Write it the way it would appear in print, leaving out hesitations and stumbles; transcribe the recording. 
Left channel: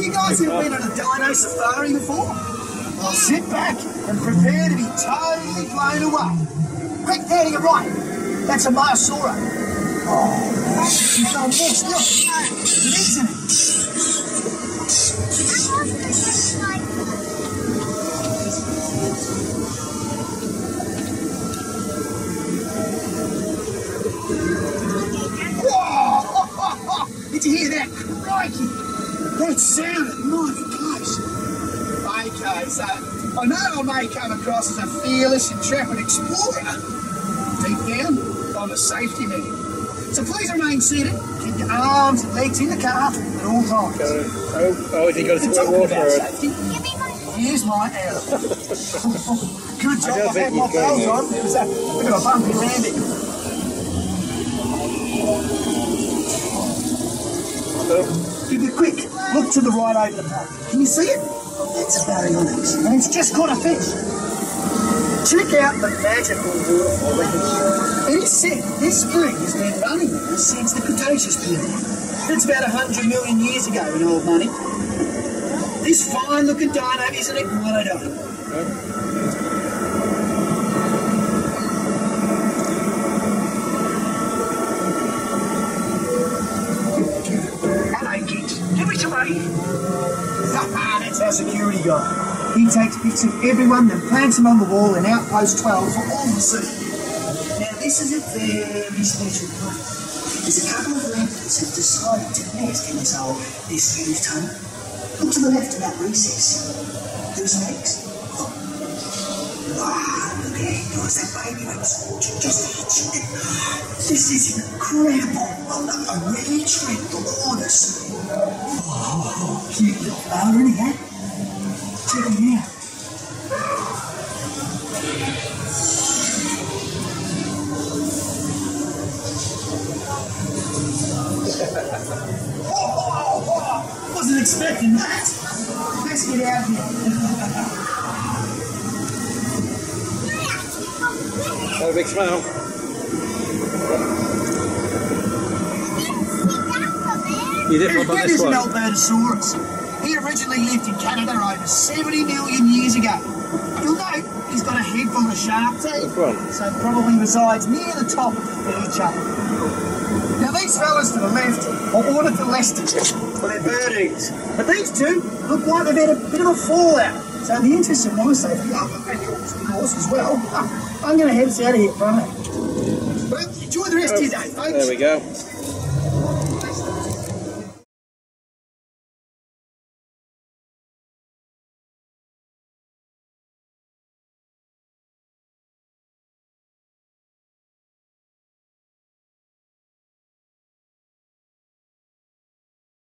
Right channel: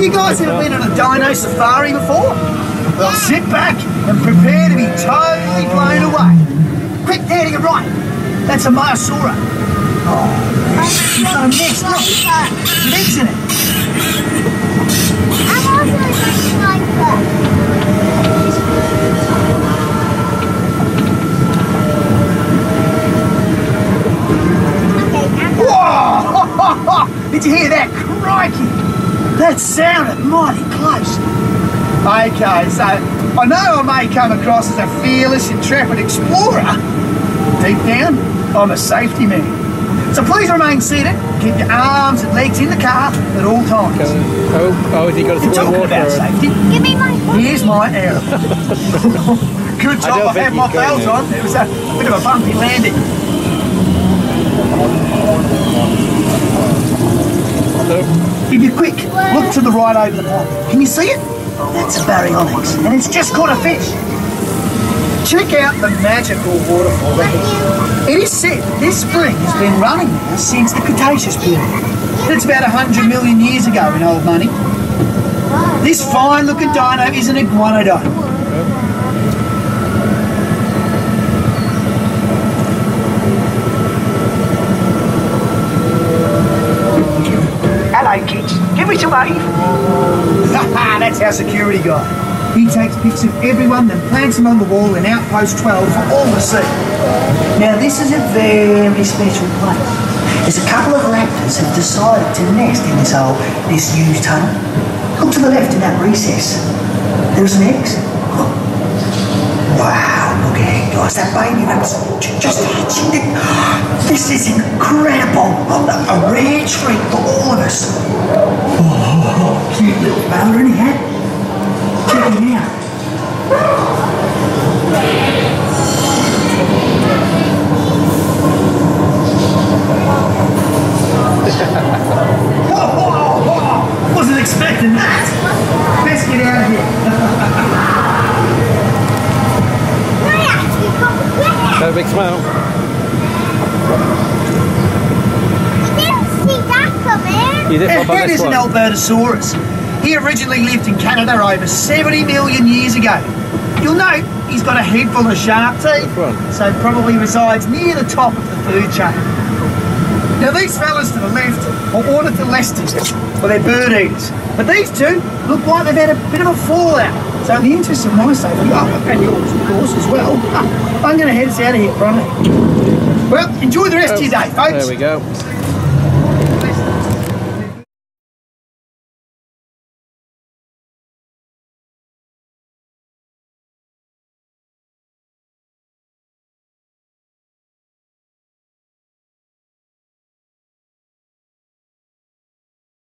You guys ever been on a dino safari before? Well, sit back and prepare to be totally blown away. Quick, there to your right. That's a Dinosaur. Oh, next up. Isn't it? I'm also a sniper. Whoa! Did you hear that? Crikey! That sounded mighty close. Okay, so I know I may come across as a fearless, intrepid explorer. Deep down, I'm a safety man. So please remain seated. Keep your arms and legs in the car at all times. You're talking about safety. Give me my phone. Here's my arrow. Good job I had my belt on. It was a bit of a bumpy landing. If you're quick, look to the right over the pond. Can you see it? That's a baryonyx, and it's just caught a fish. Check out the magical waterfall there. It is said this spring has been running there since the Cretaceous period. That's about 100 million years ago in old money. This fine-looking dino is an iguanodon. Hello, kids. Give me some wave. That's our security guy. He takes pics of everyone and plants them on the wall in Outpost 12 for all to see. Now, this is a very special place. There's a couple of raptors have decided to nest in this used tunnel. Look to the left in that recess. There are some eggs. Wow, look at it, guys. That baby raptor just hatching it. This is incredible. A rare treat for all of us. Oh, cute little fella, isn't he? Check it out. Whoa, wasn't expecting that. Let's get out of here. Perfect smile. That is an Albertosaurus. He originally lived in Canada over 70 million years ago. You'll note he's got a head full of sharp teeth, so probably resides near the top of the food chain. Now these fellas to the left are ornitholestes, well they're bird eaters. But these two look like they've had a bit of a fallout. So in the interest of my safety, and yours of course as well, I'm going to head us out of here, Bronny. Well, enjoy the rest of your day, folks. There we go.